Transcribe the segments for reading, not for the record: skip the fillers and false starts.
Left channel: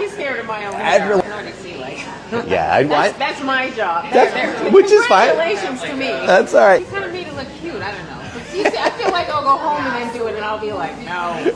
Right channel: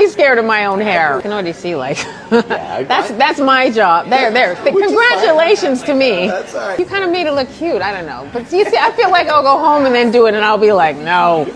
totally scared of my own hair. I can already see, like, Yeah, that's my job. There. Which is fine. Congratulations to me. That's all right. You kind of made it look cute. I don't know. But you see, I feel like I'll go home and then do it, and I'll be like, no.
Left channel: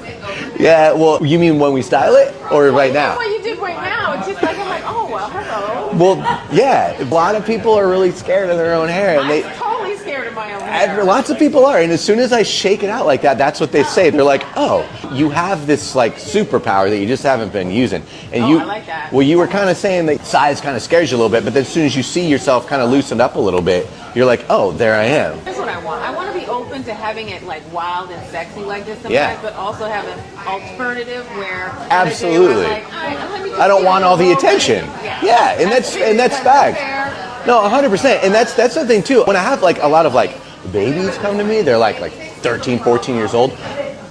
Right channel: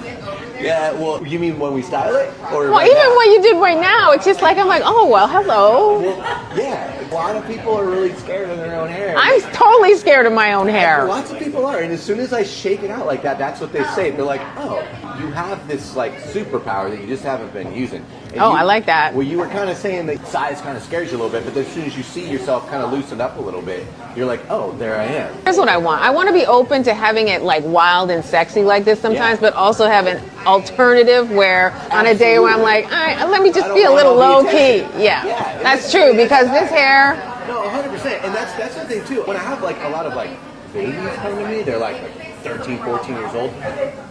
Yeah, well, you mean when we style it, or right even now? what you did right now, it's just like, I'm like, oh, well, hello. Well, yeah, a lot of people are really scared of their own hair. I'm totally scared of my own hair. And lots of people are, and as soon as I shake it out like that, that's what they say. They're like, oh, you have this like superpower that you just haven't been using. And I like that. Well, you were kind of saying that size kind of scares you a little bit, but then as soon as you see yourself kind of loosened up a little bit, you're like, oh, there I am. Here's what I want. I want to be open to having it like wild and sexy like this sometimes, but also have an alternative where on a day where I'm like, all right, let me just feel a little low key. Yeah, and that's true, because this hair. No, 100%, and that's the thing too. When I have like a lot of like babies come to me, they're like 13, 14 years old.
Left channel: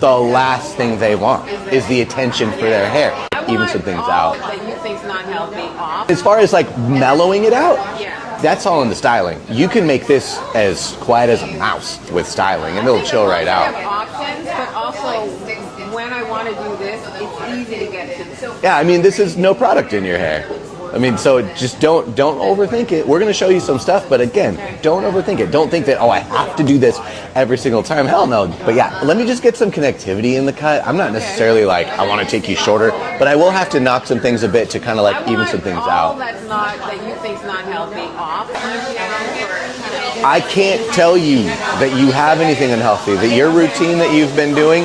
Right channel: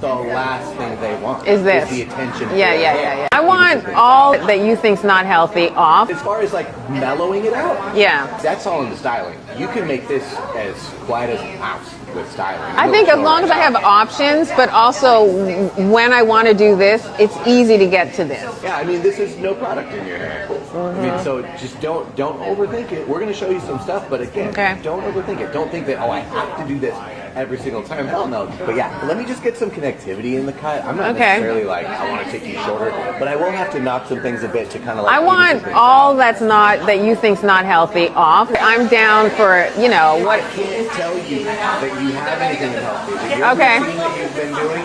The last thing they want is the attention for their hair. I want all that you think's not healthy off. As far as like mellowing it out, that's all in the styling. You can make this as quiet as a mouse with styling. I think as long as I have options, but also when I want to do this, it's easy to get to this. Yeah, I mean, this is no product in your hair. I mean, so just don't overthink it. We're going to show you some stuff, but again, don't overthink it. Don't think that, oh, I have to do this every single time. Hell no. But yeah, let me just get some connectivity in the cut. I'm not necessarily like, I want to take you shorter, but I will have to knock some things a bit to kind of like even some things out. I want all that you think's not healthy off. I'm down for, you know. I can't tell you that you have anything unhealthy, that your routine that you've been doing,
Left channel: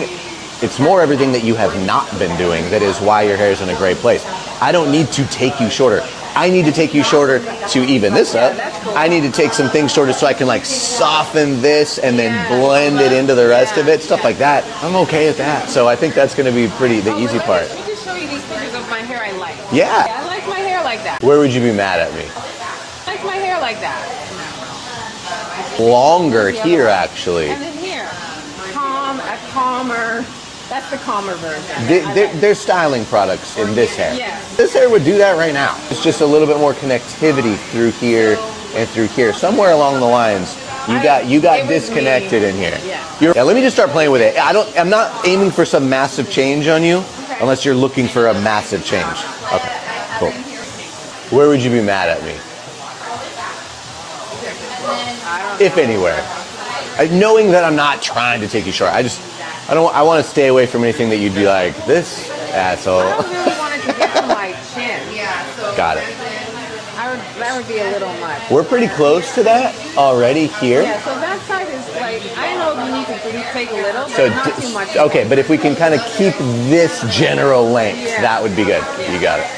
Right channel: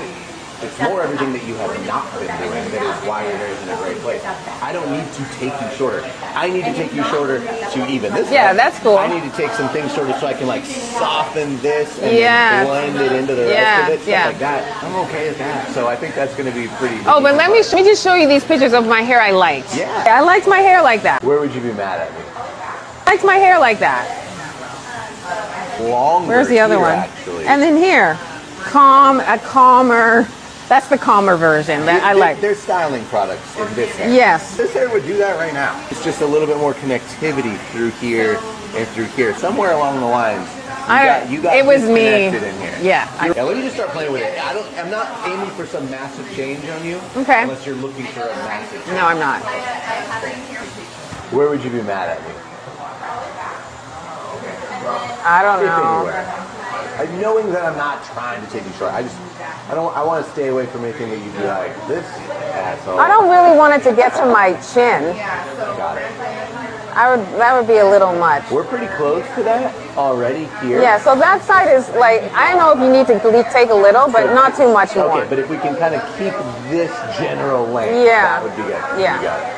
it's more everything that you have not been doing that is why your hair is in a great place. I don't need to take you shorter. I need to take you shorter to even this up. Yeah, that's cool. I need to take some things shorter so I can like soften this and then blend it into the rest of it, stuff like that. I'm okay at that. So I think that's going to be pretty the easy but let part. me just show you these pictures of my hair I liked. Yeah. I liked my hair like that. Where would you be mad at me? I liked my hair like that. Longer here, actually. And then here, calmer. That's the calmer version that I like. There's styling products in this hair. Yes. This hair would do that right now. It's just a little bit more connectivity through here and through here. Somewhere along the lines, you got disconnected in here. Yeah. Let me just start playing with it. I'm not aiming for some massive change on you. Okay. Unless you're looking for a massive change. No, I'm not. Okay, cool. Where would you be mad at me? I don't know. If anywhere. Knowing that I'm not trying to take you short. I want to stay away from anything that you'd be like, this asshole. I don't really want it to get to my chin. Got it. That would be a little much. We're pretty close to that already here. Yeah, so that side is like, I don't know if you need to take a little, but not too much. Okay, but if we can kind of keep this general length, that would be good. Yeah. You got it.